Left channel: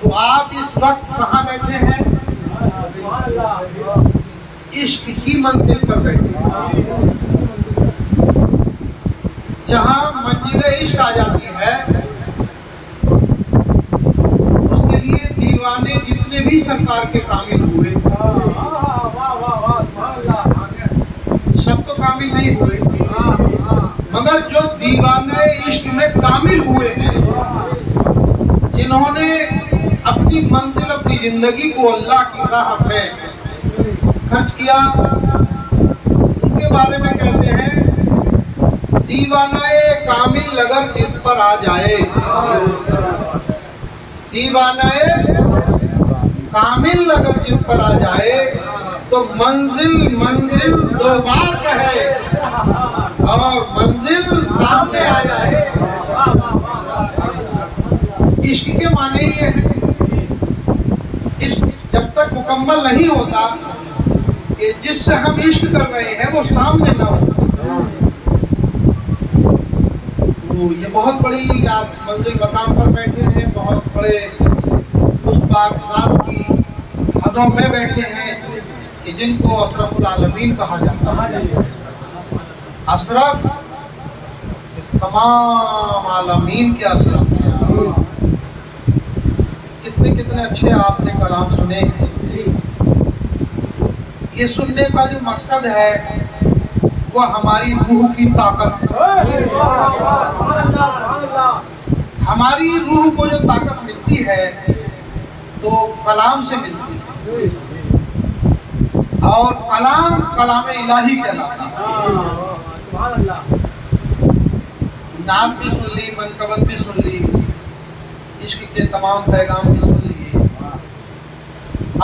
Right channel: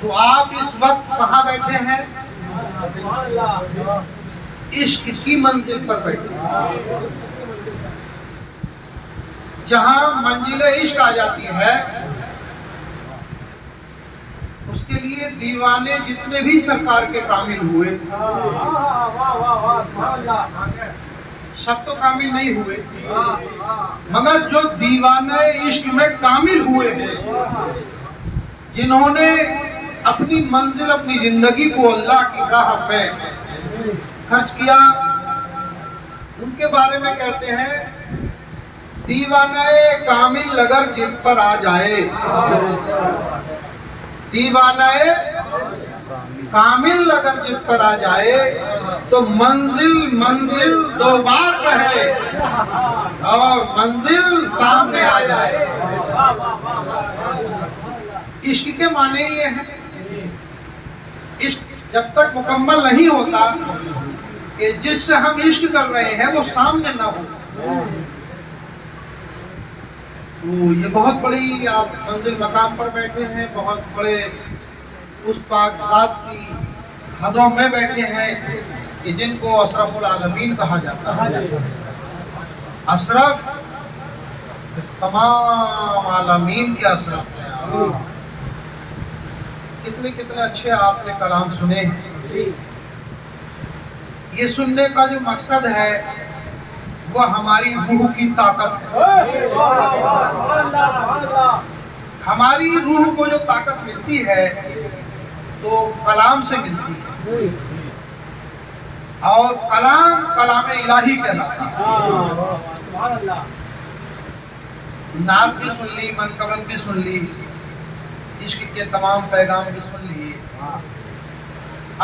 تو آپ اس وقت کہاں بیٹھے ہیں؟ عشق کی منزل پر بیٹھے ہیں۔ جہاں منزل عشق آ جاتی ہے اس کے لیے دیوانے جتنے بھی سرکار کے کامل ہوئے، سب تو کامل نہیں ہوئے، مگر جو دیوانے عشق میں کامل ہوئے ہیں، جنہوں نے اپنی منزل اپنی زندگی کو اللہ کی راہ میں خرچ کیا، ان کے بارے میں کہتے ہیں دیوانہ کامل اگر جن پر آ جائے، دیوانہ کامل اگر جن پر آ جائے تو منزل منزل دو بار کہے اور منزل سامنے آ جائے۔ عشق کے معنی یہ ہے، عشق جب تک مکمل نہیں ہوتا کہ جس سے ہم عشق کر رہے ہیں وہ سامنے نہ ہو، تو یہ بہت بڑی آپ منزل مقام پر بیٹھے ہیں، بہت بڑے اس پاک ذات کی حدوں میں بیٹھے ہیں کہ جن کو اشرف العالمین کہا جاتا ہے۔ اشرف تمام عالمین کے اشرف ہیں۔ کتنے کتنے اچھے آپ نے کلام سنے ہیں۔ یہ سننے کا جو مقصد ہے وہ ہماری روح کی طاقت ہے۔ ہماری روح کو جو طاقت ملتی ہے تو کلام سے ملتی ہے، اور کلام کلام الہی کہلاتا ہے۔ نعت بھی سن لی، منقبت بھی سن لی، عشق کے تمام پیغام بھی سن لیے۔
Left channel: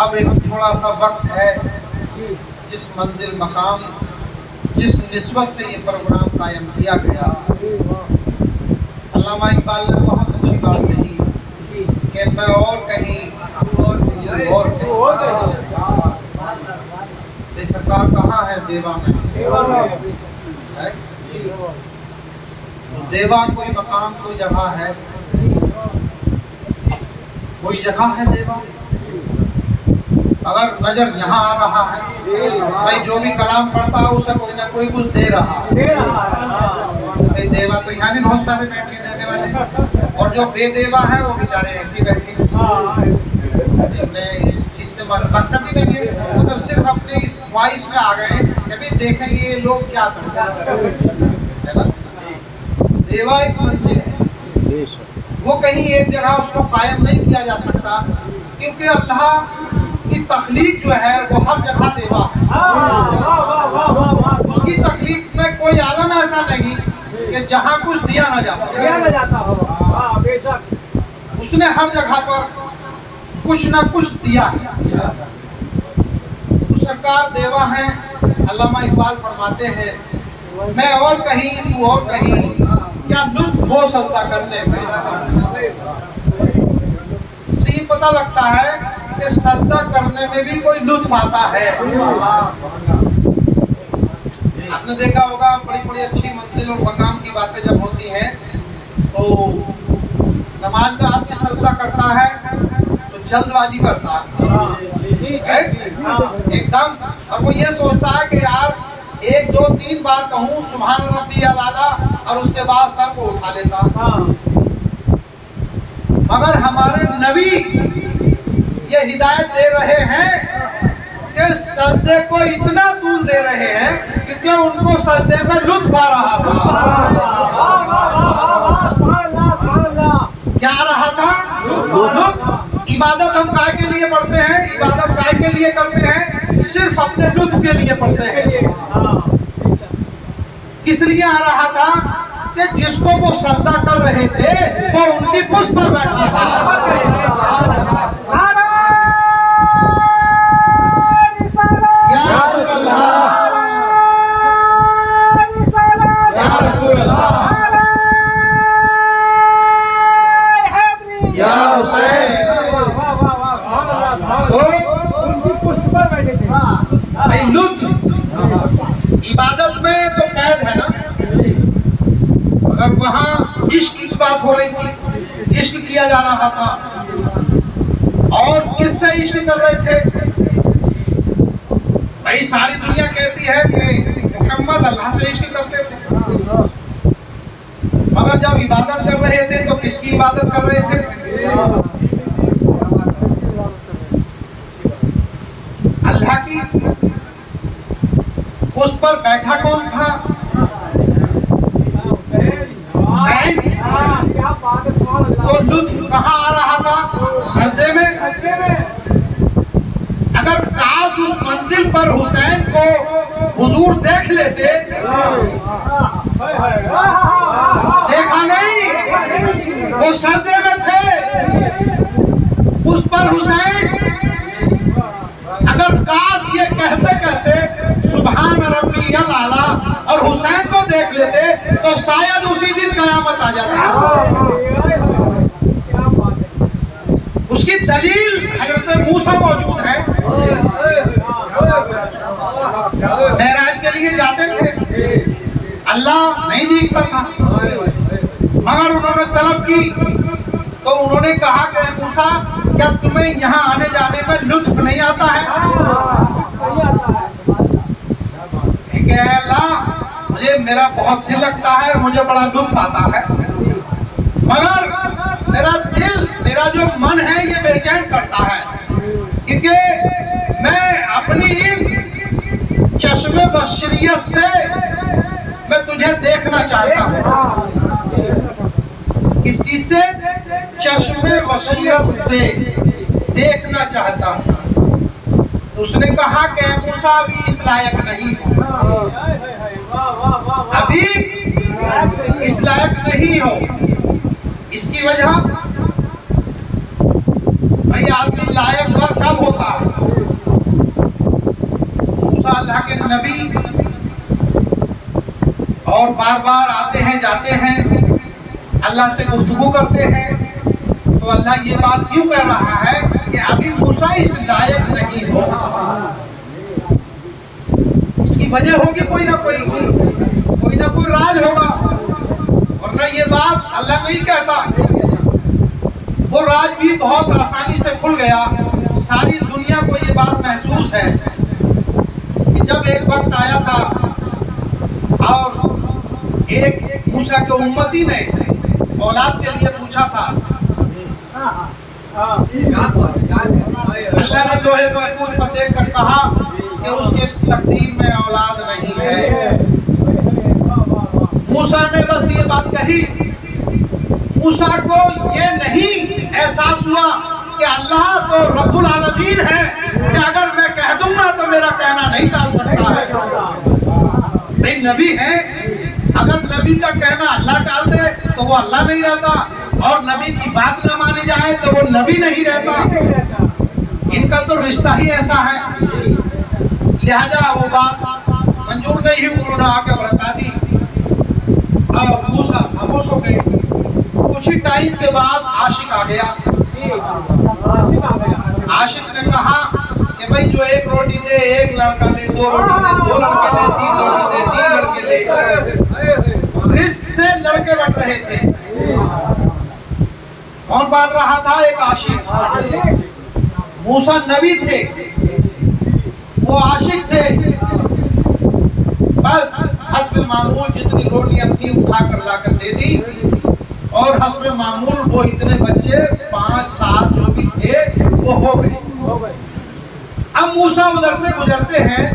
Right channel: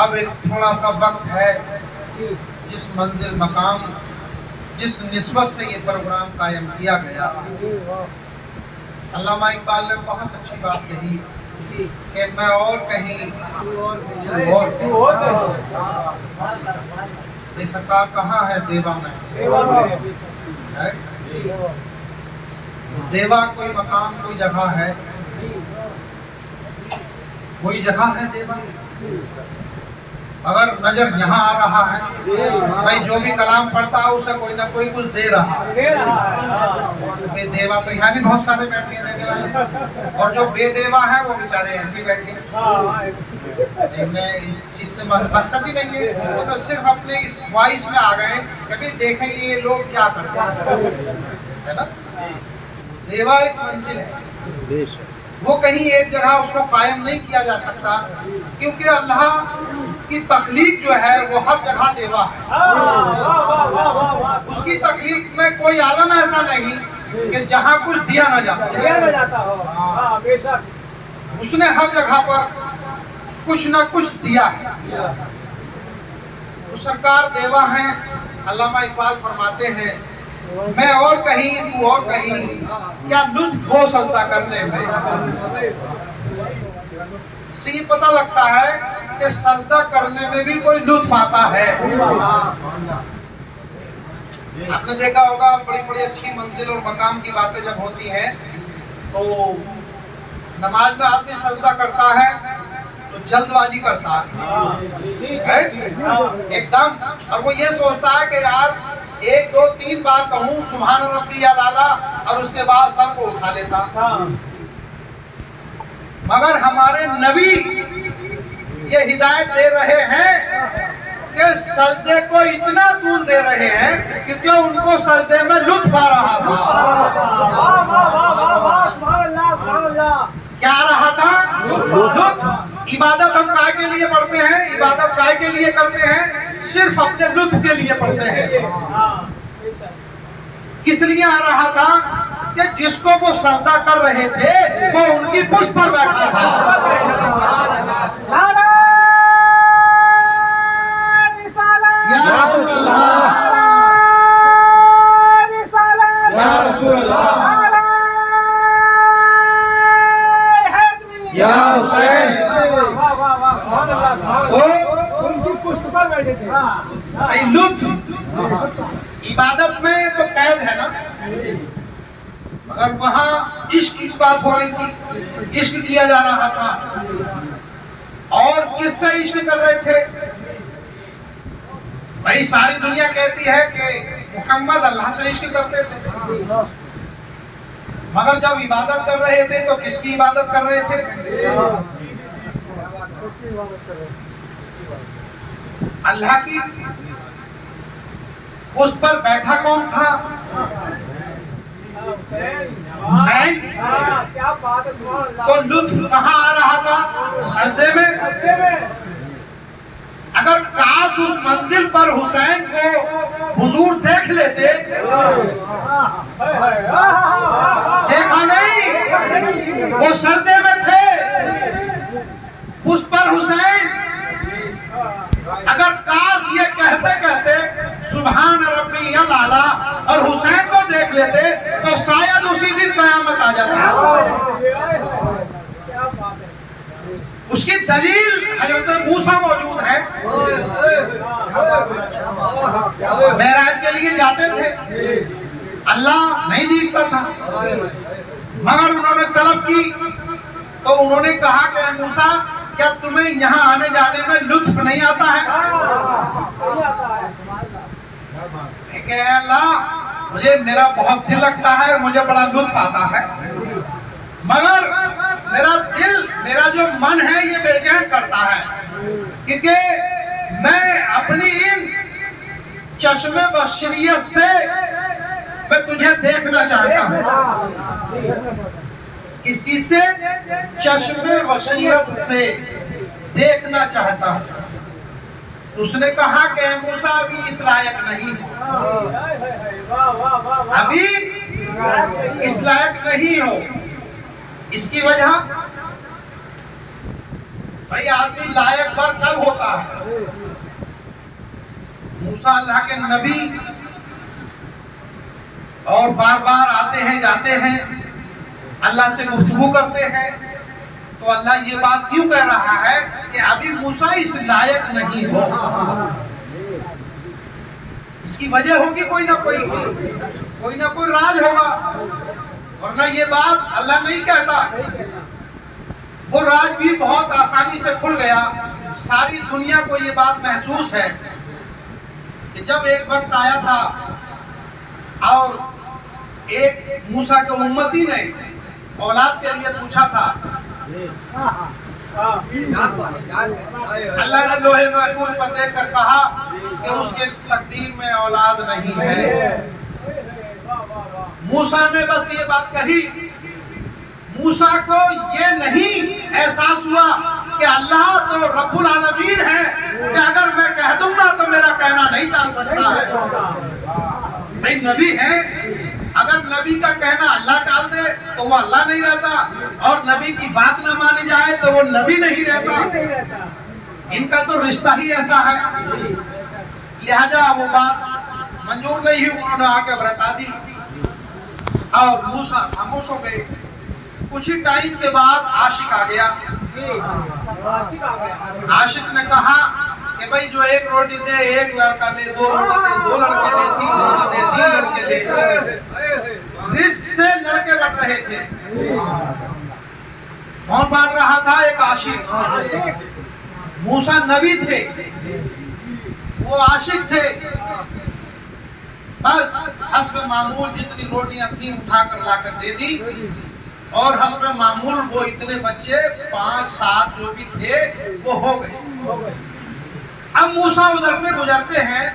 اب ایک تھوڑا سا وقت ہے جس منزل مقام جس نسبت سے یہ پروگرام قائم کیا گیا، علامہ اقبال نے بہت اچھی بات کہی کہ میں اور کہیں یہ سرکار کہاں ہے؟ دیوا میں۔ دیوا کوئی مقام، کوئی جگہ ہے، کوئی جگہ ہے دیوا؟ اگر نظر یہاں آ رہا ہے، بھائی جو بھی کلام پڑھتا ہے اسے کوئی نہ کوئی کچھ دے رہا ہے۔ دیوا تو یہاں بھی بہت سارے بیٹھے دینے والے، اور جو بے دیوا ہے وہ بیچارے ایسے ہی بیٹھے۔ اس چیز سے مقصد ہی نہیں ہے، وہ تو صرف اپنے اس خواہش میں آ گئے کہ بھی دیکھیں یہ لوگ کیا کرتے ہیں۔ دیوا ایک منزل ہے، وہ کہیں ایک جگہ اس کو قائم نہیں کیا جا سکتا، کیونکہ اللہ کی تخلیق جو ہے وہ ہر جگہ دیوا ہے۔ اس کی تخلیق میں کوئی عالم ایسا نہیں کہ جہاں کچھ دیا نہ جاتا ہو۔ اس نے ہر جگہ پر کچھ نہ کچھ دیا ہے۔ تو سرکار دیوا ہیں۔ علامہ اقبال فرماتے ہیں میں اور کہیں تو اور کہیں، کیا لطف ہو سجدہ کرنے میں۔ اس سے یہ پتہ لگتا ہے کہ سجدہ کرنے میں بھی کوئی لطف آتا ہے۔ آپ نے دیکھا ہوگا بڑی بڑی اچھی منزل اور مقام کی باتیں جب ہوتی ہیں تو نماز میں آدمی سجدہ کرتا ہے تو جلد بازی کرتا ہے ایک دم، اور وہ یہ سوچتا ہے کہ یار 1 2 3 بار کہوں سبحان ربی الاعلیٰ اور اس کے بعد سر کو اٹھا لیتا۔ مگر ہمارے نبی یہ ہدایت دے رہے ہیں کہ سجدے کو اتنا طول دے رہے ہیں کیونکہ ان کو سجدے میں لطف آ رہا تھا۔ کیا آ رہا تھا؟ لطف۔ عبادت ہم کائے کے لیے پڑھتے ہیں؟ عبادت کائے کے لیے کرتے ہیں؟ صرف اپنے لطف کے لیے پڑھتے ہیں۔ کس لیے آ رہا تھا؟ کہ جس کو وہ سجدہ کر رہے تھے وہ ان کی پشت پر بیٹھا تھا۔ لطف عبادت میں تو قید ہے نا، مگر وہاں عشق کی بات ہو رہی تھی، عشق کیا جا رہا تھا۔ اور کس سے عشق کر رہے تھے؟ بھائی ساری دنیا کہتی ہے کہ محمد اللہ سے عشق کرتے تھے، مگر جب عبادت کر رہے تھے تو کس کی عبادت کر رہے تھے؟ اللہ کی۔ اس پر بیٹھا کون تھا؟ حسین۔ تو لطف کہاں آ رہا تھا؟ سجدے میں۔ اگر کاش اس منزل پر حسین کو حضور دیکھ لیتے، دیکھا نہیں، وہ سجدے میں تھے، اس پر حسین۔ اگر کاش یہ کہتے کہتے سبحان ربی الاعلیٰ اور حسین کو دیکھ لیتے تو شاید اسی دن قیامت آ جاتی۔ اس کی دلیل حضرت موسیٰ موجود ہے۔ معراج کے لیے جاتے تھے، اللہ نہیں دیکھتا تھا، مگر انہوں نے طلب کی تو انہوں نے کہا کہ موسیٰ کیا تمہیں یہاں آنے جانے میں لطف نہیں آتا ہے؟ کہ اللہ مجھے میرا بہت دل لگتا ہے اور مجھے بڑا لطف آتا ہے، مگر میرا دل، میرا جو من ہے یہ بے چین کرتا ہے، کیونکہ میں اپنی ان چشم بصیرت سے میں تجھے دیکھنا چاہتا ہوں۔ اس چیز سے چشم بصیرت سے دیکھنا چاہتا ہوں۔ اس نے کہا کہ موسیٰ ابھی اس لائق نہیں ہو، ابھی اس لائق نہیں ہو۔ اس کی وجہ بھائی آدمی لائق پر کب ہوتا ہے؟ موسیٰ اللہ کے نبی اور بار بار آتے ہیں جاتے ہیں، اللہ سے گفتگو کرتے ہیں، تو اللہ یہ بات کیوں کہہ رہا ہے کہ ابھی موسیٰ اس لائق نہیں ہو؟ اس کی وجہ ہوگی کوئی نہ کوئی راز ہوگا، ورنہ یہ بات اللہ نہیں کہتا۔ وہ راز بھی بہت آسانی سے کھل گیا۔ ساری دنیا کو یہ بات محسوس ہے کہ جب ایک وقت آیا تھا اور ایک موسیٰ کے امتی نے اولاد کے لیے پوچھا تھا، اللہ نے لوہے محفوظ پر دیکھ کر کہا کہ اس کے تقدیر میں اولاد نہیں ہے۔ موسیٰ نے بس یہ بات کہی، موسیٰ کو یہ نہیں احساس ہوا کہ اللہ تو رب العالمین ہے کہ اگر میں کہہ دوں گا تو میرا کہنا نہیں ٹال سکتا ہے۔ بھئی نبی ہے، اگر نبی کا کہنا اللہ ٹال دے تو وہ اللہ نہیں رہتا، اور نبی کی بات نہ مانی جائے تو وہ نبی نہیں رہتا۔ ان کا تو رشتہ ہی ایسا ہے، لہذا وہ بات منظور نہیں ہوئی، انہوں نے آ کے بتا دی اور موسیٰ خاموش ہو گئے۔ کچھ ہی ٹائم کے بعد عاشق آ گیا۔ عاشق نے کہا کہ بھائی جو ایک روٹی دے ایک لڑکا لے، دو روٹی دے دو لڑکے لے، تین روٹی دے تین لڑکے لے۔ رزق سے لڑکے بٹ رہے تھے۔ کون بانٹ رہا تھا؟ ایک عاشق۔ موسیٰ نبی تھے، وہ عاشق تھے، بس حسب معمول جتنی روٹیاں تھیں اٹھا کر لا کر دے دی، اور حسب معمول وہ اتنے بچے 5 7 جو بھی تھے وہ ہو گئے۔ اب موسیٰ ادھر سے گزرتے ہیں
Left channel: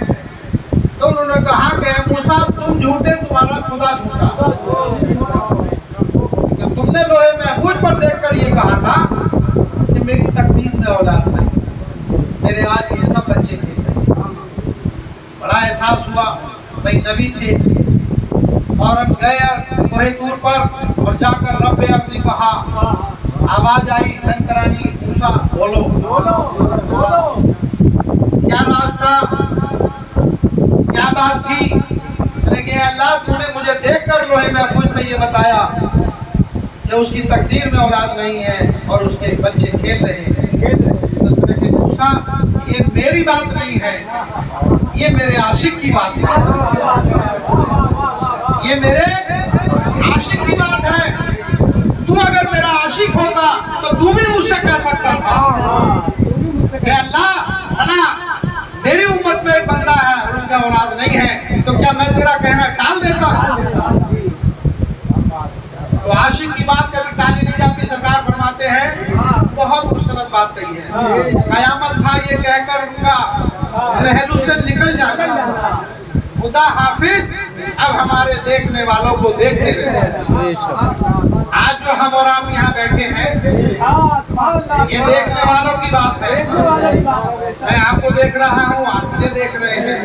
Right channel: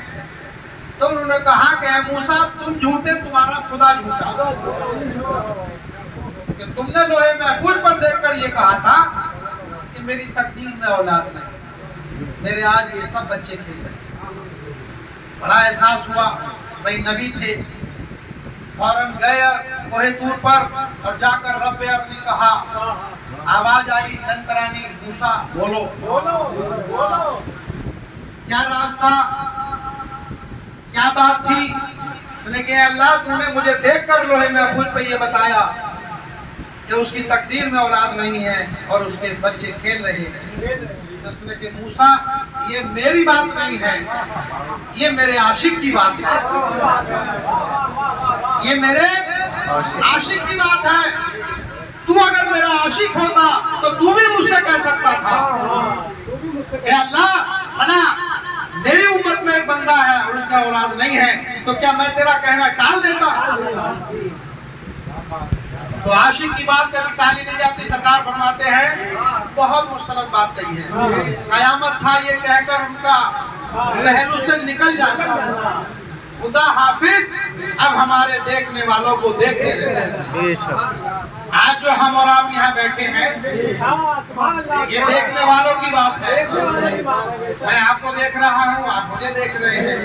تو انہوں نے کہا کہ موسیٰ تم جھوٹے، تمہارا خدا جھوٹا، کہ تم نے لوہے محفوظ پر دیکھ کر یہ کہا تھا کہ میری تقدیر میں اولاد نہیں، میرے آج یہ سب بچے تھے۔ بڑا احساس ہوا، بھائی نبی تھے، فوراً گئے کوہ طور پر اور جا کر رب ارنی کہا، آواز آئی لن ترانی، موسیٰ بولو کیا راز تھا، کیا بات تھی؟ کہ اللہ تم نے مجھے دیکھ کر لوہے محفوظ پہ یہ بتایا کہ اس کی تقدیر میں اولاد نہیں ہے اور اس کے بچے کھیل رہے ہیں۔ اس نے کہا موسیٰ یہ میری بات نہیں ہے، یہ میرے عاشق کی بات ہے، یہ میرے عاشق کی بات ہے۔ تو اگر میرا عاشق ہوتا تو تو بھی مجھ سے کہہ सकता था कि अल्लाह अना मेरी उम्मत में एक बंदा है और उसका औलाद नहीं है, तो क्या मैं तेरा कहना टाल देता? तो आशिक की बात कभी टाली नहीं जाती। सरकार फरमाते हैं बहुत खूबसूरत बात कही है, कयामत था ये कहकर उनका पहलू से निकल जाना, खुदा हाफिज अब हमारे देखने वालों को देखते रहे। आज जो हम और आप यहाँ बैठे हैं ये देखने वालों की बात है। मैं आपको देख रहा हूँ, आप मुझे देख रहे हैं।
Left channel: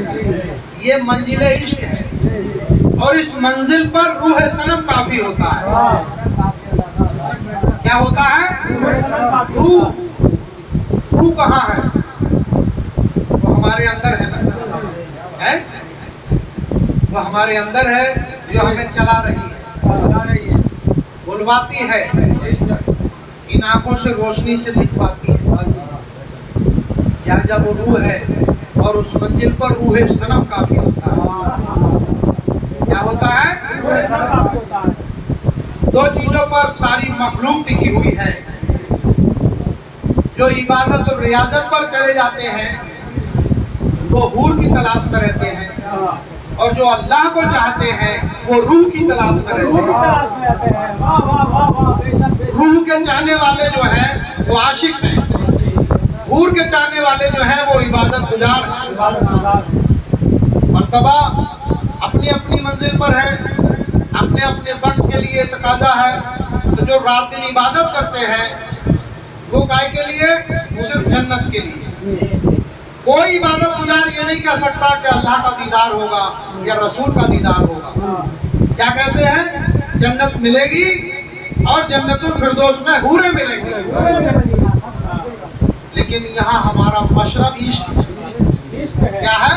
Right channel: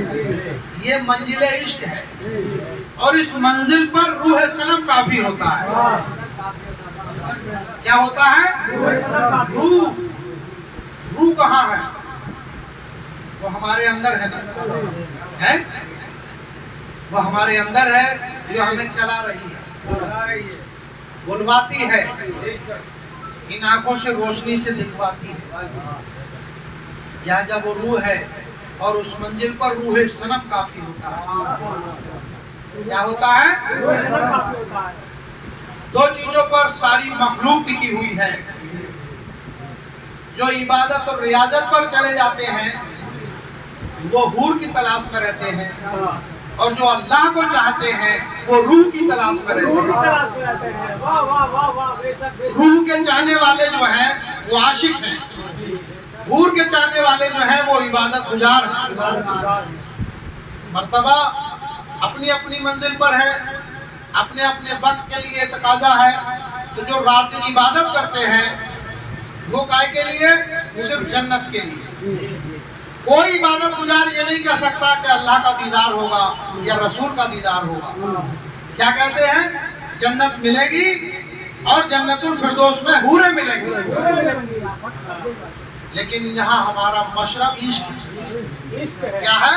ये मंजिले इश्क है और इस मंजिल पर रूह सनम काफी होता है। क्या होता है? रूह कहाँ है? वो हमारे अंदर है ना, है? वो हमारे अंदर है जो हमें चला रही है, बुलवाती है, इन आंखों से रोशनी से दिखवाती है। या जब वो रूह है और उस मंजिल पर रूह सनम काफी होता है। क्या होता है? दो चीजों पर सारी मखलूक टिकी हुई है। जो इबादत और रियाजत पर चले जाते हैं वो हूर की तलाश में रहते हैं, और जो अल्लाह को चाहते हैं वो रूह की तलाश में रहते हैं। रूह के चाहने वाले जो हैं वो आशिक हैं, हूर के चाहने वाले जो हैं वो इबादत गुजार हैं। मर्तबा अपनी अपनी मंजिल पर है, अपने अपने वक्त के लिए तकाजा है। तो जो रात दिन इबादत करते हैं वो काय के लिए? सिर्फ जन्नत के लिए। कोई इबादत गुजार ये नहीं कह सकता कि अल्लाह का दीदार होगा या रसूल का दीदार होगा। क्या कहते हैं? जन्नत मिलेगी और जन्नतुल फिरदौस में हूरें मिलेंगी। लेकिन यहाँ हमारा मशरब इश्क है। क्या है?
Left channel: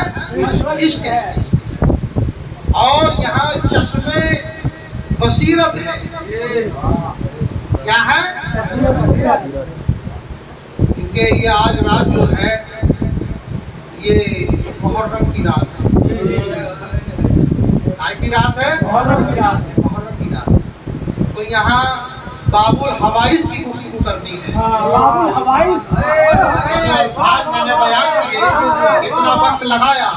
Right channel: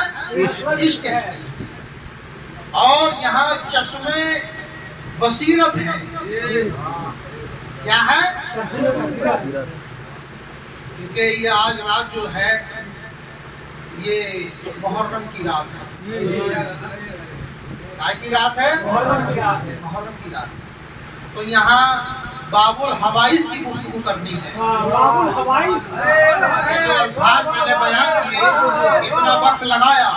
इश्क है। और यहाँ चश्मे बसीरत है। क्या है? क्योंकि ये आज रात जो है ये मुहर्रम की रात है। काय की रात है? मुहर्रम की रात। तो यहाँ बाबुल हवाइस की गुफ्तगू करनी है। बाबुल हवाइस जो अल्फाज मैंने बयान किए, इतना वक्त लगाया,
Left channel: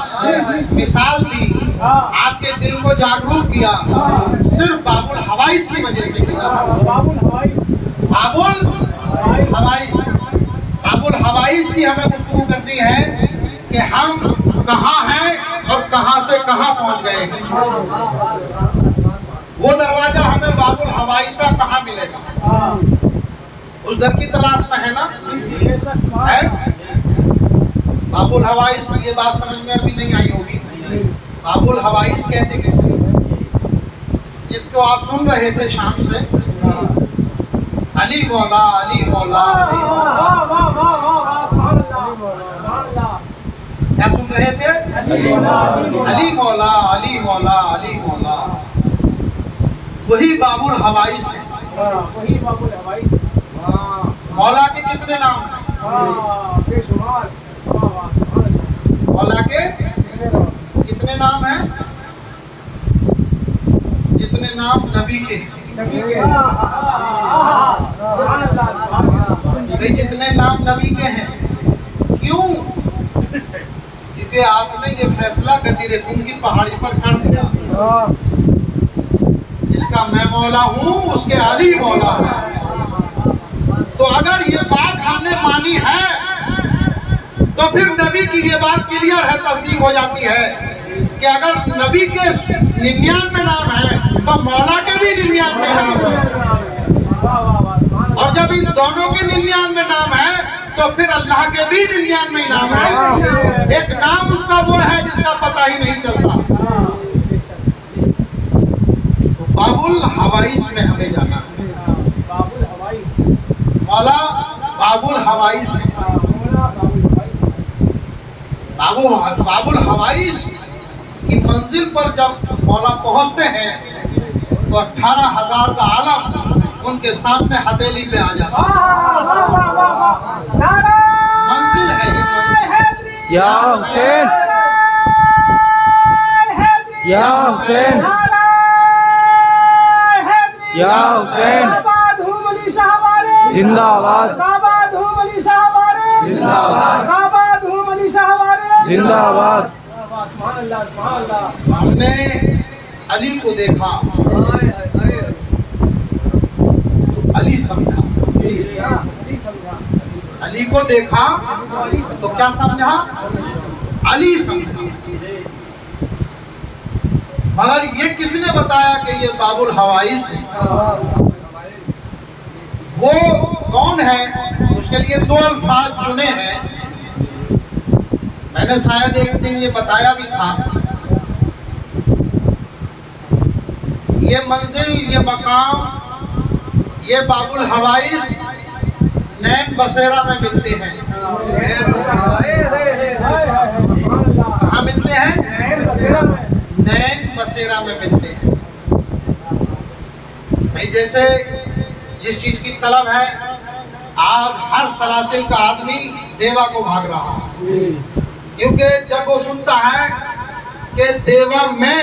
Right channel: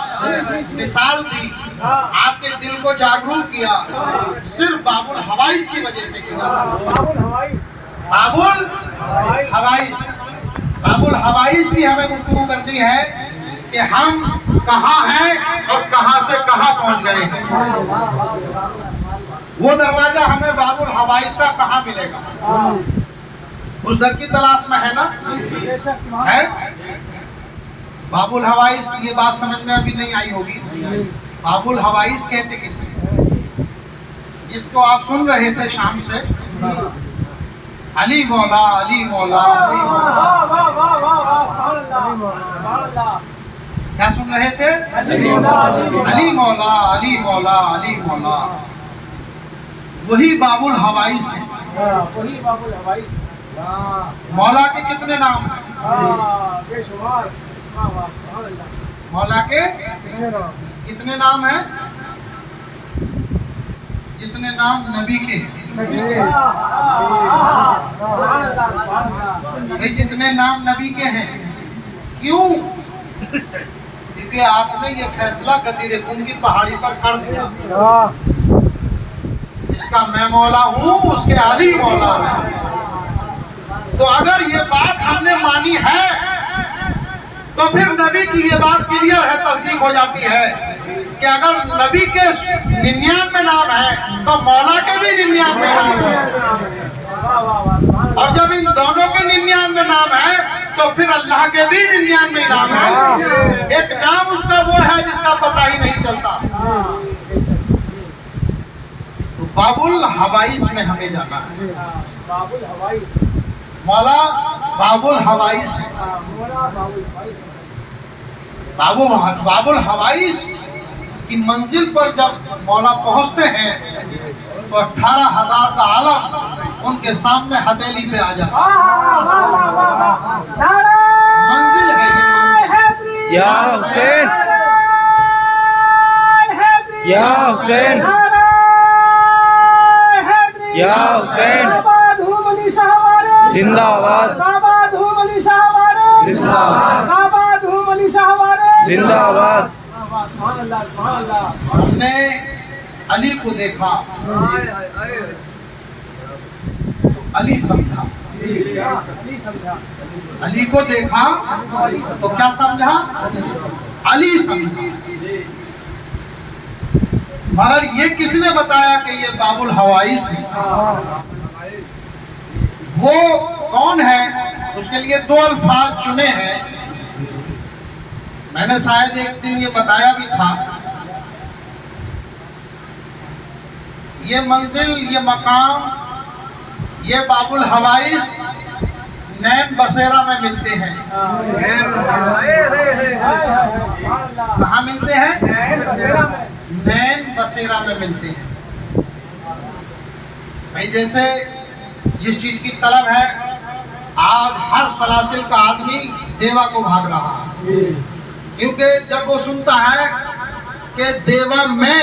मिसाल दी, आपके दिल को जागरूक किया, सिर्फ बाबुल हवाइस की वजह से किया। बाबुल हवाइस की हमें गुफ्तगू करनी है कि हम कहाँ हैं और कहाँ से कहाँ पहुँच गए हैं। वो दरवाजा हमें बाबुल हवाइस का कहाँ मिलेगा? उस दर की तलाश में है ना, है? बाबुल हवाइस, ये बात समझ में अभी नहीं आई होगी। बाबुल हवाइस कहते किसे? जिसको आप सुन रहे थे शाम से, अली मौला अली मौला अली मौला। क्या सुन रहे थे? अली मौला अली मौला अली मौला। वही बाबुल हवाइस है। वही बाबुल हवाइस। मौला के कितने नाम हैं? मौला के कितने नाम हैं? जितने नाम नबी के हैं। जितने नाम नबी के हैं। क्यों? क्योंकि आपने ये फैसला गदीर कुम की पहाड़ी पर कर दिया, जिसका मैं मौला हूँ उसके अली मौला है। तो अगर ये बात हमने मानी है तो फिर नबी की ये बात क्लियर है, तस्दीक हो जाती है कि अगर नबी के 99 नाम है तो मौला के भी 99 नाम है। और जब इन दोनों के 99 नाम है तो फिर अल्लाह के भी 99 नाम है। एक नाम उसका वो है जिसका पता ही नहीं चलता। तो बाबुल हवाइस में हमें जाना है। बाबुल हवाइस, मौला बाबुल हवाइस है। बाबुल हवाइस की मंजिल पर जब मौला पहुंचते हैं तो 18,000 का आलम उनके सामने हथेली पे आ जाता है। मंजिल है ये मंजिल। या हुसैन, या हुसैन, या हुसैन, जिंदाबाद। जिंदाबाद। आबाद हूँ अली शाह हमारे जिंदाबाद। सुभान अल्लाह सुभान अल्लाह। हमने अली को देखा तो अली समझा, अली समझा, अली को देखा तो क्या समझा, अली समझा। मगर ये किसने बताया कि ये बाबुल हवाइस है? वो कौन है? उसके लिए दो अल्फाज चुने हैं। मैंने शायद एक दिन ये बताया भी था। ये मंजिल, ये मकाम, ये बाबुल हवाइस नैन बसेरा में मिलते हैं। कहाँ मिलते हैं? नैन बसेरा में मिलते हैं। भाई जैसे जिस चीज की तलब है, आज हर सलासिल का आदमी देवा को भाग रहा है, क्योंकि जब वो सुनता है कि देवा में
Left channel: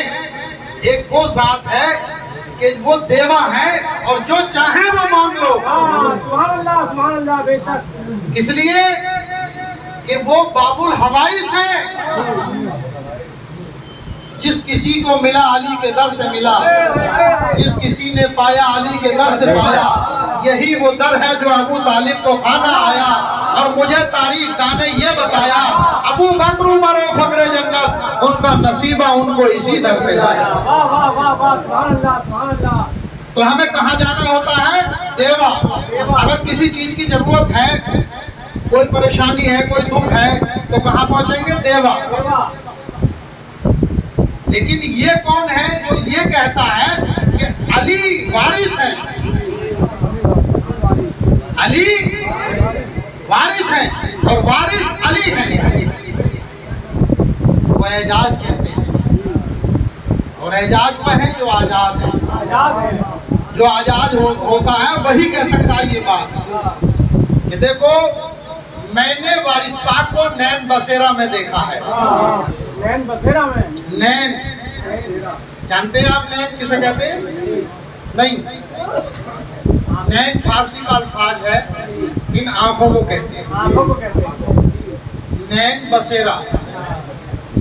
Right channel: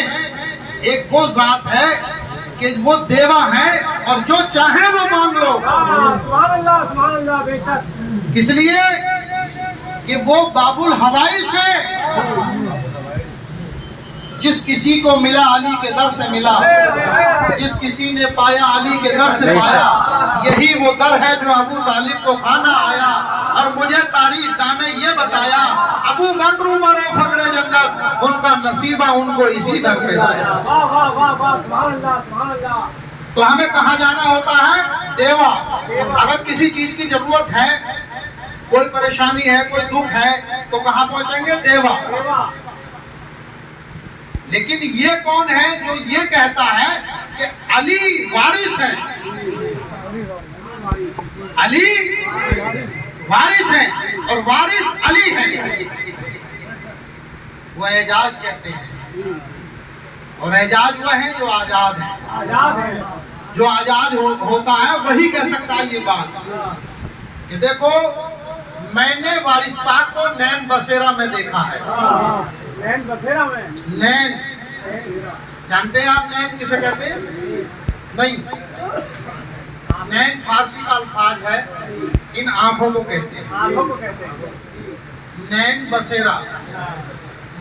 एक वो जात है कि वो देवा है और जो चाहे वो मांग लो। सुभान अल्लाह बेशक। किस लिए? कि वो बाबुल हवाइस है। जिस किसी को मिला अली के दर से मिला, जिस किसी ने पाया अली के दर से पाया, यही वो दर है जो अबू तालिब को खाना आया। और मुझे तारीख दाने ये बताया, अबू बकर उमर और फकरे जन्नत, उनका नसीबा उनको इसी दर पे लाया। वाह वाह वाह वाह सुभान अल्लाह। तो हमें कहाँ जाना होता है? देवा। अगर किसी चीज की जरूरत है, कोई परेशानी है, कोई दुख है, तो कहाँ पहुंचेंगे? देवा। लेकिन ये कौन है जो ये कहता है कि अली वारिस है? अली वारिस है और वारिस अली है। वो एजाज कहते हैं, और एजाज वो है जो आजाद है। जो आजाद होता है वही कह सकता है ये बात कि देखो मैंने वारिस पाक को नैन बसेरा में देखा है। नैन बसेरा में? नैन जानते हैं आप नैन किसे कहते हैं? नहीं, नैन फारसी का अल्फाज है, इन आंखों को कहते हैं। आंखों को कहते हैं। नैन बसेरा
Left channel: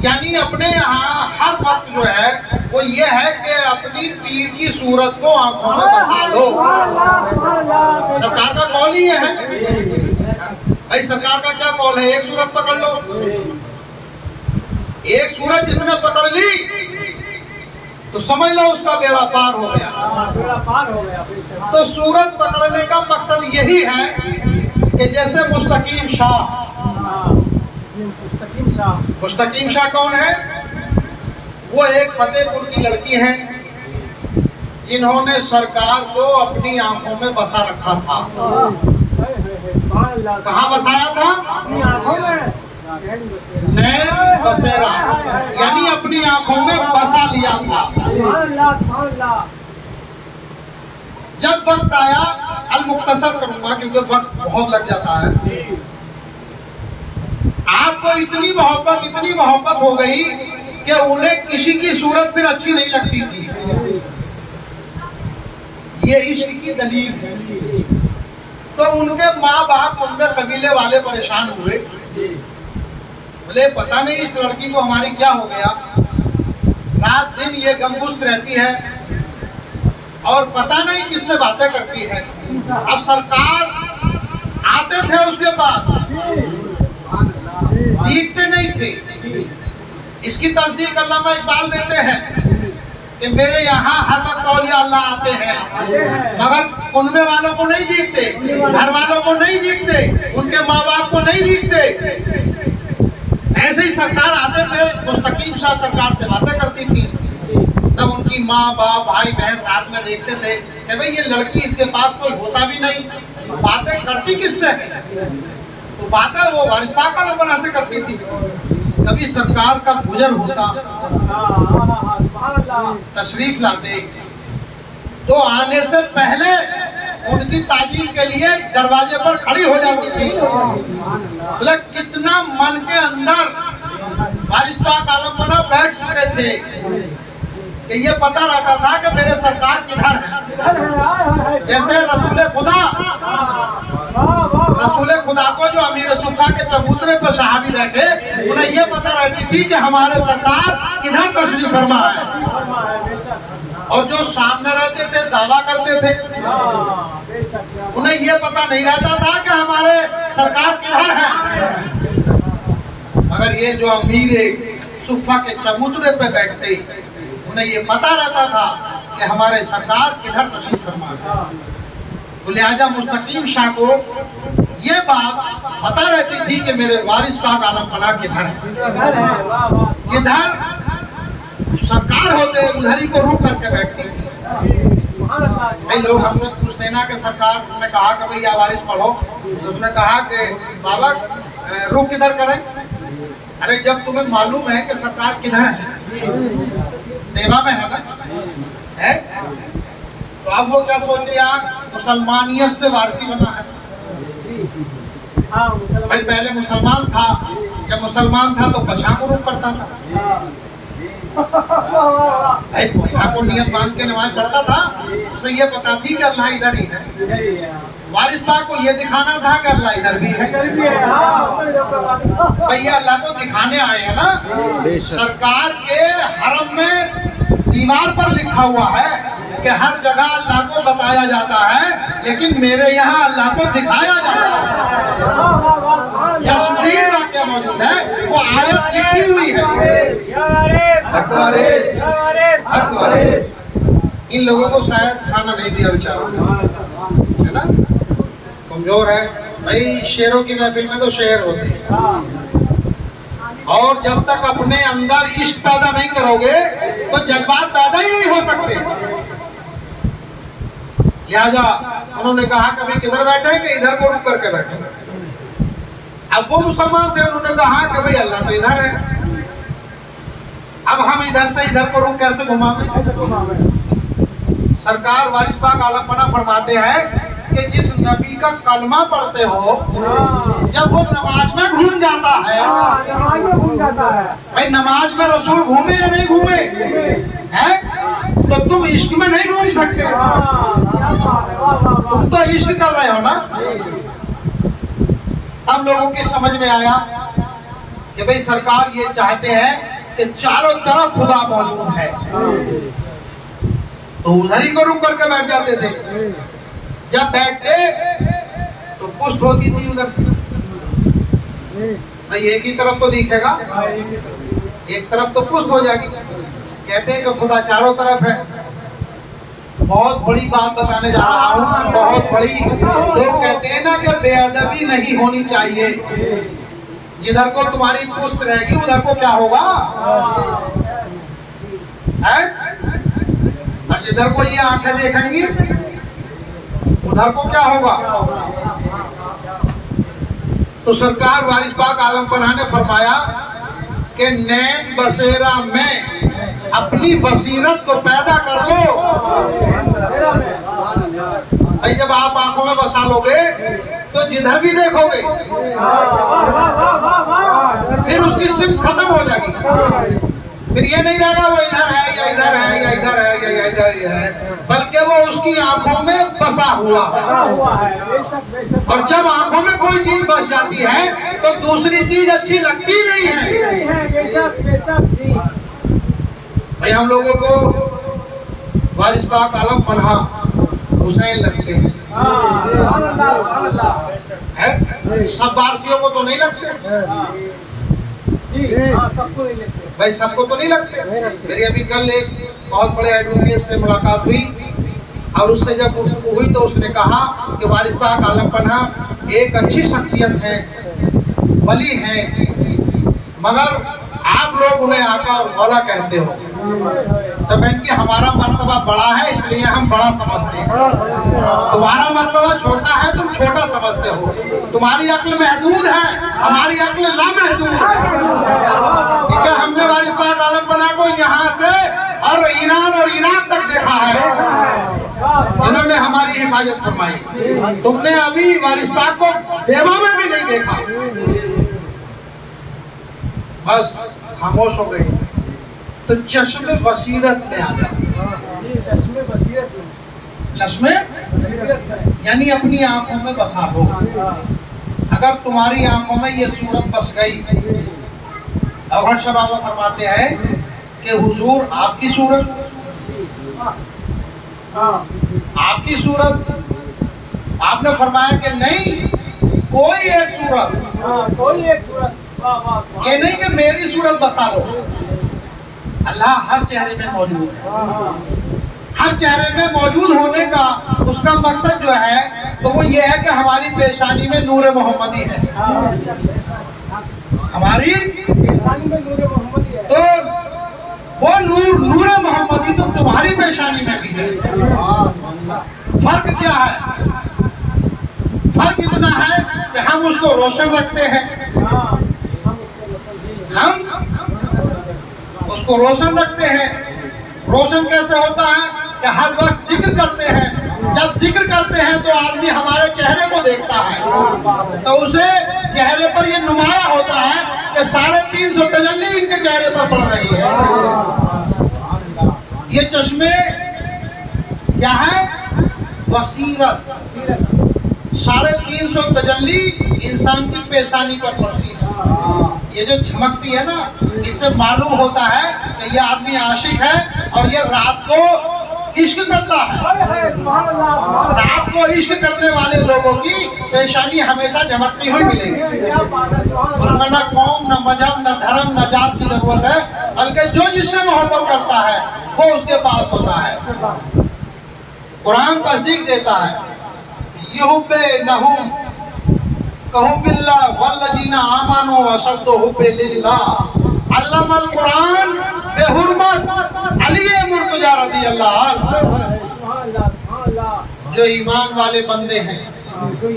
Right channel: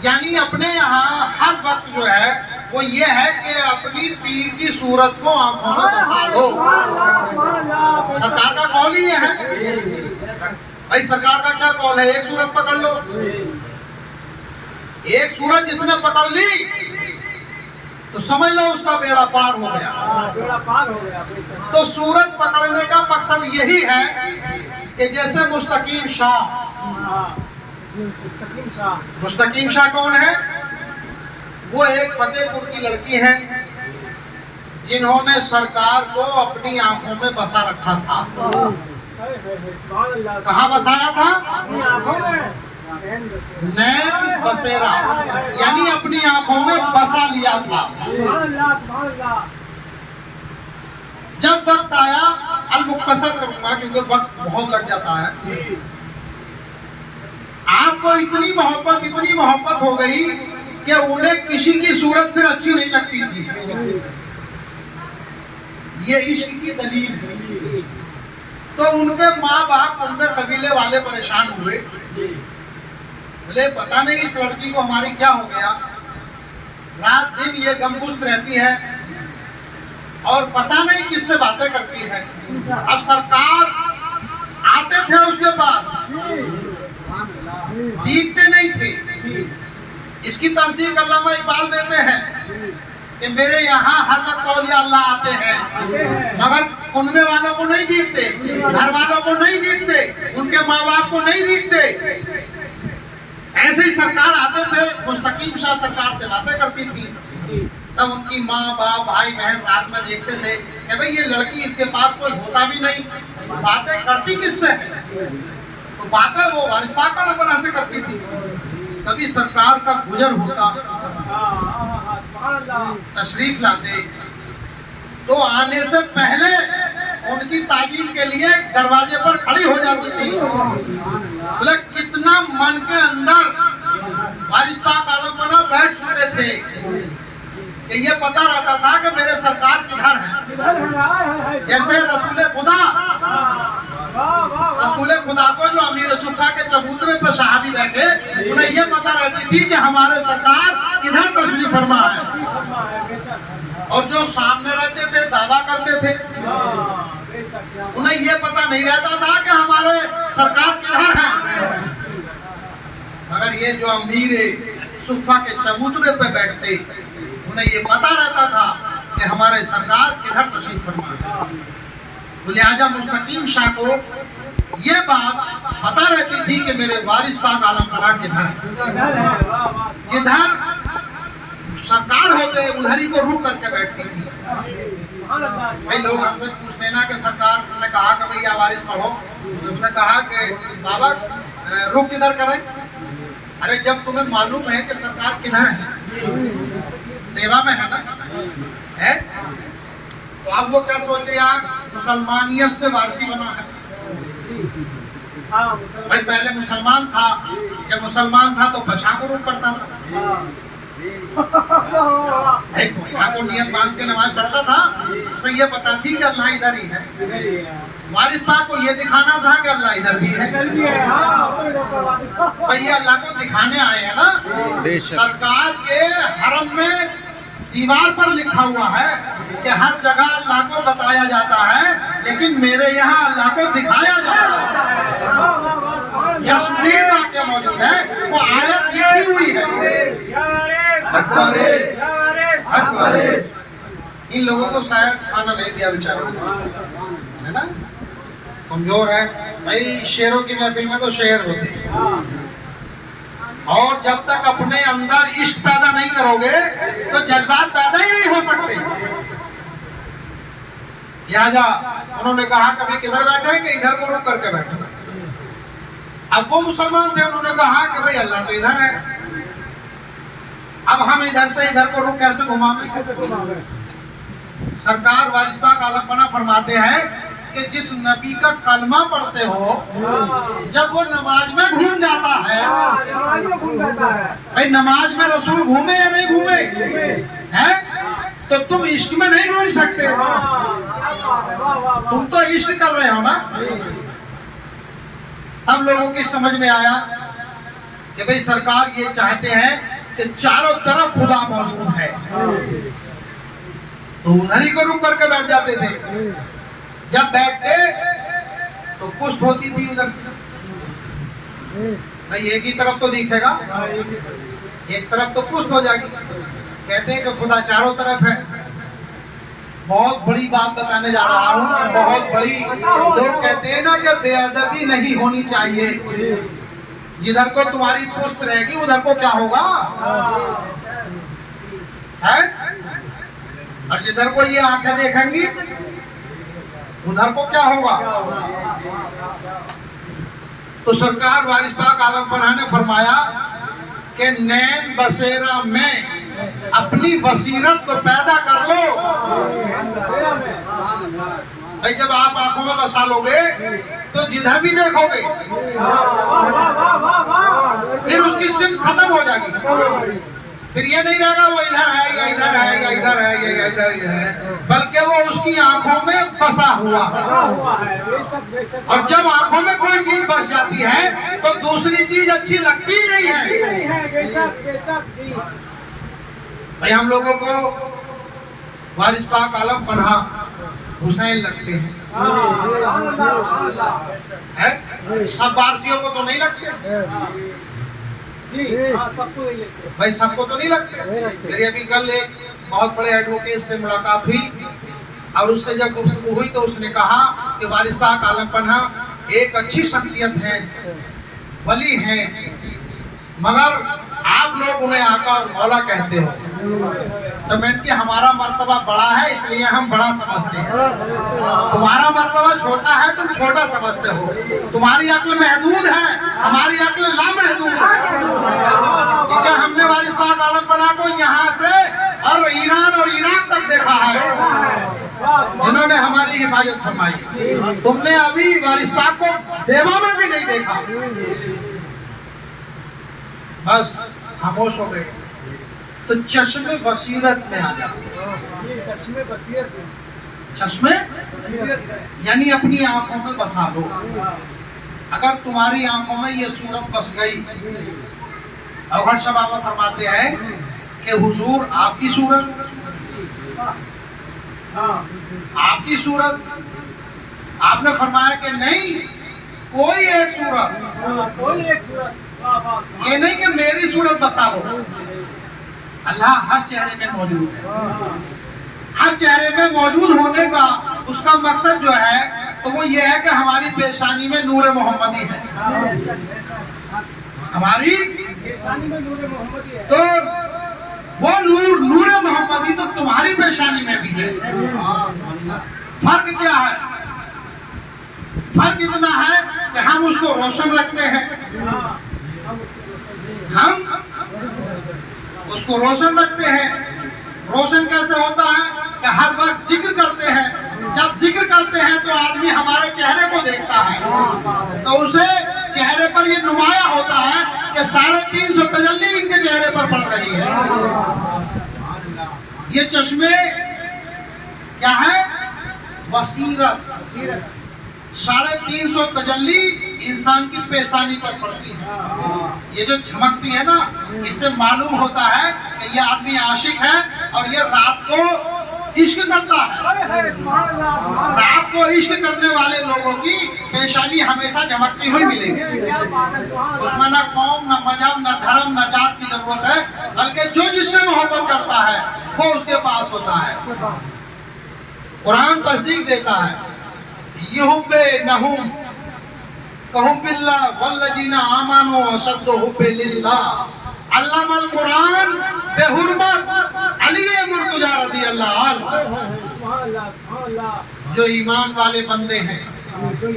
यानी अपने यहाँ हर वक्त जो है वो ये है कि अपनी पीर की सूरत को आंखों में बसा लो। सरकार का कौल ही ये है। भाई सरकार का क्या कौल है? एक सूरत पकड़ लो। एक सूरत जिसने पकड़ ली तो समझ लो उसका बेड़ा पार हो गया। बेड़ा पार हो गया बेशक। तो सूरत पकड़ने का मकसद यही है कि जैसे मुस्तकीम शाह। मुस्तकीम शाह कौन है? वो एक फतेहपुर की लड़की है जिन्होंने सरकार को अपनी आंखों में बसा रखा था। कहाँ बसाया था? नैन बसेरा यानी अपनी आंखों में बसा लिया था। जब वक्त आया, अल मुख्तसर करूंगा क्योंकि वक्त बहुत लग जाता है। आपको इतनी मोहब्बत हो गई कि उन्हें किसी की सूरत फिर अच्छी नहीं लगती थी। ये इश्क की दलील है। तो उनके माँ बाप, उनके कबीले वाले परेशान हुए, बोले पता नहीं इस लड़की को हमारी क्या हो गया, रात दिन ये गमगुस्त रहती है और पता नहीं किससे बातें करती है। अब सरकार आते थे उसके पास, जीतते नहीं थे। इसकी तस्दीक अल्लामा इकबाल देते हैं कि मेरे यहाँ हर वक्त औलिया अल्लाह आते हैं, मगर उनमें वालों को नहीं जीतते, घर वालों को नहीं जीतते, उनके माँ बाप को नहीं जीतते। ऐसे ही सरकार आते थे, मुस्तकीम शाह सरकार से बातें करती थी। तब उनकी माँ बाप भाई बहन रात में देखते थे कि भाई ये लड़की, इसके पास कोई होता भी नहीं, बातें करती किससे है? तो बातें वो वारिस पाक का नंबर से करती थी। कभी सरकार का गुजर होता, तशरीफ लाते, तो आने से पहले उनकी ताजीम के लिए दरवाजे पर खड़ी हो जाती थी। बोले कितना मन के अंदर वारिस पाक आलम बना बैठ चुके थे कि ये पता रहता था कि मेरे सरकार किधर है। इधर है, हाय। जैसे रसूल खुदा, वाह वाह रसूल खुदा को जो अमीर सुफा के चबूतरे पर सहाबी बैठे, उन्हें ये पता रहती थी कि हमारे सरकार किधर तशरीफ फरमा है। फरमा है, बेशक। और जो सामने रहते थे दावा करते थे, हाँ, बेशक। उन्हें ये पता नहीं रहता था कि हमारे सरकार किधर है। मगर ये जो अमीर सुफा के चबूतरे पे बैठते, उन्हें ये पता रहता था कि हमारे सरकार किधर तशरीफ फरमा है। तो लिहाजा मुस्तकीम शाह को ये बात पता रहती थी कि मेरे वारिस पाक आलम पनाह किधर है। इधर है, वाह वाह। जिधर सरकार होते उधर ही को रुक करके बैठते थे। सुभान अल्लाह। भाई लोग हमसे पूछते हैं ना कि सरकार ने कहा कि भैया वारिस पढ़ो, तो उसने कहा कि बाबा रुक किधर करें। अरे जब तुम्हें मालूम है कि सरकार किधर है, देवा में है ना, है तो अब वो क्या सोच रहे हैं, मुसलमानियत से वारसी बना है। हाँ, भाई मुसलमान। पहले मुसलमान था, जब मुसलमान था तो बछा को रुक पड़ता था, भाई बछा को नियत बांध के नमाज पढ़ता था। उसे ये पता थी कि अल्लाह इधर ही है। इधर ही है। वारिस पाक को ये दिखाना था कि अल्लाह इधर भी है। इधर भी है, हाँ, कोई रोक भैया अल्लाह को दिखाने आए हैं ना। बेशक। सरकार के हरम में दीवार पर लिखा हुआ है कि हर जगह अल्लाह को बताया जाता है, लेकिन मेरे यहाँ अल्लाह को दिखाया जाता है। वाह वाह वाह, सुभान अल्लाह। यशदीन वाक्य मौजूद है, वो आयत लिखी हुई है। या वारिस, हक वारिस, या वारिस, हक वारिस। इन लोगों को शायद खाना नहीं दिया बेचारों ने, है ना, कमजोर है। भाई शेरों की महफिल में तो शेर होते हैं, हाँ। और जब तक अपने अंदर इश्क पैदा नहीं करोगे तो जज्बात पैदा ही नहीं हो सकते। लिहाजा उन्होंने कहा कभी किधर बैठे कि इधर को रुक करके बैठे। अब वो मुसलमान थे, उन्होंने कहा कि भाई अल्लाह तो इधर है, अब हम इधर से इधर को रुक कैसे घुमावे। ऐसे घुमावे। सरकार वारिस पाक आलम पनाह फरमाते हैं कि जिस नबी का कलमा पढ़ते हो, हाँ, जब वो नमाज में घूम जाता है, हाँ, नमाज में घूम जाता है। भाई नमाज में रसूल घूमे या नहीं घूमे हैं, तो तुम इश्क में नहीं घूम सकते। हाँ, क्या बात है, वाह वाह वाह। तुम तो इश्क कर रहे हो ना। अब लोगों की समझ में आया कि भाई सरकार ये चाहते हैं कि चारों तरफ खुदा मौजूद है, तो उधर ही को रुक करके बैठ जाते थे। जब बैठते तो पुष्ट होती थी उधर से, भाई एक ही तरफ तो दिखेगा, एक तरफ तो पुष्ट हो जाएगी। कहते हैं कि खुदा चारों तरफ है। बहुत बड़ी बात बताने जा रहा हूँ, बहुत बड़ी। लोग कहते हैं ना कि बेअदबी नहीं होनी चाहिए। जिधर को तुम्हारी पुष्ट रहेगी उधर को क्या होगा है, और जिधर को ये आंखें देखेंगी उधर को क्या होगा। तो सरकार वारिस पाक आलम पनाह ने फरमाया कि नैन बसेरा में अपनी बसीरत को पैदा कर लो। भाई जब आप आंखों में बसा लोगे तो जिधर भी देखोगे फिर उसकी सिम खत्म हो जाएगी। फिर ये नहीं रहेगा वो इधर है या इधर है या इधर है या इधर है, बल्कि वो उसकी आंखों में बसा हुआ है। और जब आंखों में कोई चीज बस जाती है तो दूसरी चीज अच्छी लगती नहीं है। भाई हम लोगों को वारिस पाक आलम पनाह हुसैन लगते हैं, सब वारसियों को तो नहीं लगते भाई, सबको तो नहीं लगते। मेरी अभी कल एक बहुत बड़े एडवोकेट से मुलाकात हुई और उससे जब गुफ्तगू हुई तो उसने कहा कि वारिस पाक आलम पनाह एक अच्छी शख्सियत है, वली है, मगर आप लोग उन्हें आका और मौला कहते हो। तो मैं कि हमारा मर्तबा बड़ा है इसलिए हम बड़ा समझते हैं, तुम्हारा मर्तबा छोटा है तुम छोटा समझते हो। तुम्हारी अक्ल महदूद है, हमारी अक्ल लामहदूद है। क्योंकि हमने वारिस पाक आलम पनाह को यहाँ से और ईरान और इराक तक देखा है, इन्होंने हमारी हिफाजत फरमाई। तुमने अभी वारिस पाक को देवा में भी नहीं देखा, बस खामोश हो गए। तो चश्मे बसीरत में आ जाते हैं। ये चश्मे बसीरत में, चश्मे बसीरत है। यानी अपनी आंखों में बसा लो। हाँ, अगर तुम्हारी आंखों में ये सूरत बस गई, अगर शब बाबा फरमाते हैं कि हुजूर आपकी सूरत, हाँ, आपकी सूरत, आपने फरमाया कि नहीं, कोई एक सूरत, हाँ, कोई एक सूरत, वाह वाह, ये नहीं कि मेरी सूरत बसा लो। अल्लाह हर चेहरे में मौजूद है। हाँ, हर चेहरे में मौजूद होने का उसका मकसद जो है तो वो ये है कि हमारी पेशानी में नूर मोहम्मदी है। हाँ, हमारी पेशानी में नूर मोहम्मदी है। तो वो नूर मोहम्मदी तो तुम्हारी पेशानी में भी है। फर्क क्या है? फर्क इतना है कि हम उसको रोशन रखते हैं, हाँ, हम उसको रोशन रखते हैं। रोशन कैसे होता है कि हर वक्त जिक्र करते हैं। जब जिक्र करते हैं तो आदमी हमारे चेहरे को देखता है, तो उसे चेहरे पर ये नुमाया होता है कि 350 तजल्ली इनके चेहरे पर पड़ रही है। ये चश्मे क्या है? बसीरत। 350 तजल्ली इंसान की पेशानी पर पड़ती है। ये जो झमकती है ना, इससे मालूम होता है कि ये आदमी आशिक है और ये रात को इश्क करता है। रात को इश्क करने वाले लोगों की पेशानी हमेशा झमकती हुई मिलेगी। उसमें न कौम, न मजहब, न धर्म, न जात की जरूरत है, बल्कि जो जिससे मोहब्बत करता है वो उसके पास होता है। कुरान तस्दीक देता है, युहुब्बे नहुम कहूबिल्लाह वल्लजीना आमानु अशद्दु हुब्बे लिल्लाह। अल्लामल कुरान बेहुरमत अली मुर्तजा रज़ियल्लाहु अन्हु। जो ईमान वाले बंदे हैं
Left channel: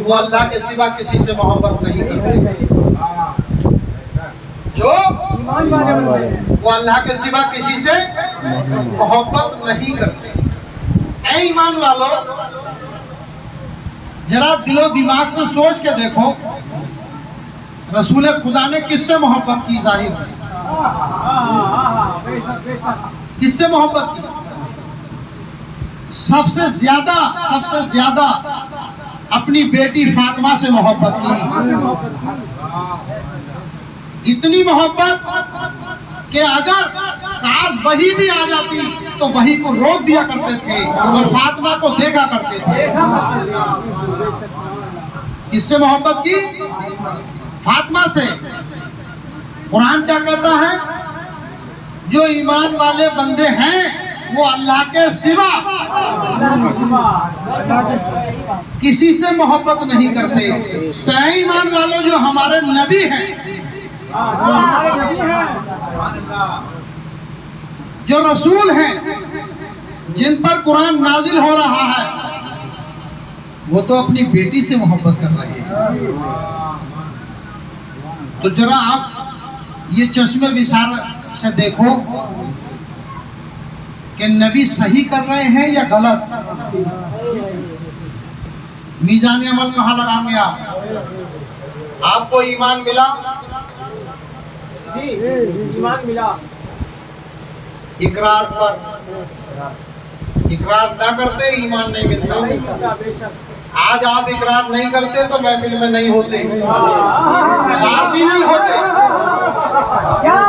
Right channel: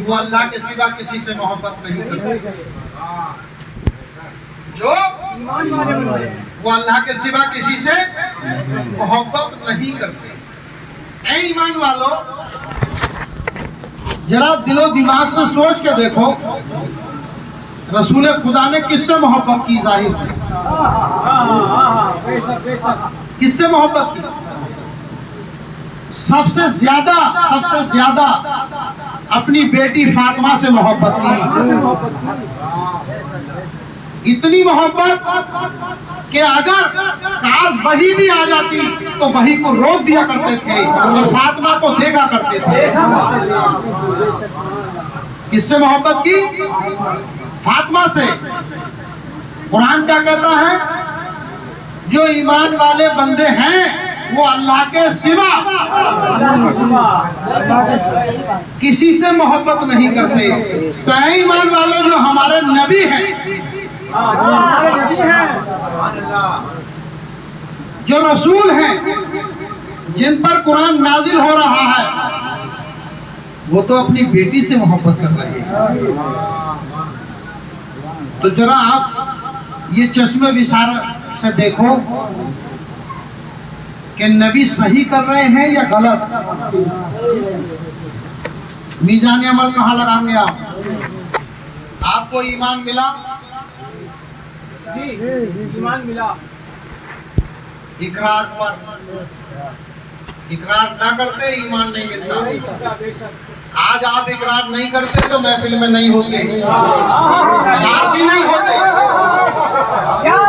वो अल्लाह के सिवा किसी से मोहब्बत नहीं करते। जो वो अल्लाह के सिवा किसी से मोहब्बत नहीं करते। ऐ ईमान वालों, जरा दिलो दिमाग से सोच के देखो, रसूल खुदा ने किससे मोहब्बत की? जाहिर है किससे मोहब्बत की? सबसे ज्यादा अपनी बेटी फातिमा से मोहब्बत की। इतनी मोहब्बत कि अगर काश वही भी आ जाती तो वही को रोक दिया करते थे और फातिमा को देखा करते थे। किससे मोहब्बत की? फातिमा से। कुरान क्या कहता है? जो ईमान वाले बंदे हैं वो अल्लाह के सिवा किसी से मोहब्बत नहीं करते। तो ऐ ईमान वालों, जो हमारे नबी हैं, जो रसूल हैं, जिन पर कुरान नाजिल हो रहा है, वो तो अपनी बेटी से मोहब्बत कर रहे हैं। तो जरा आप ये चश्मे विशारत से देखो कि नबी सही कर रहे हैं या गलत। मीज़ान अमल कहाँ लगाएंगे आप? आपको ईमान मिला? जी, ईमान मिला। इकरार पर इकरार ना करते ईमान नहीं मिलता। आज आप इकरार नहीं करते तो महफिल में नहीं होते, फारसी नहीं होते। क्या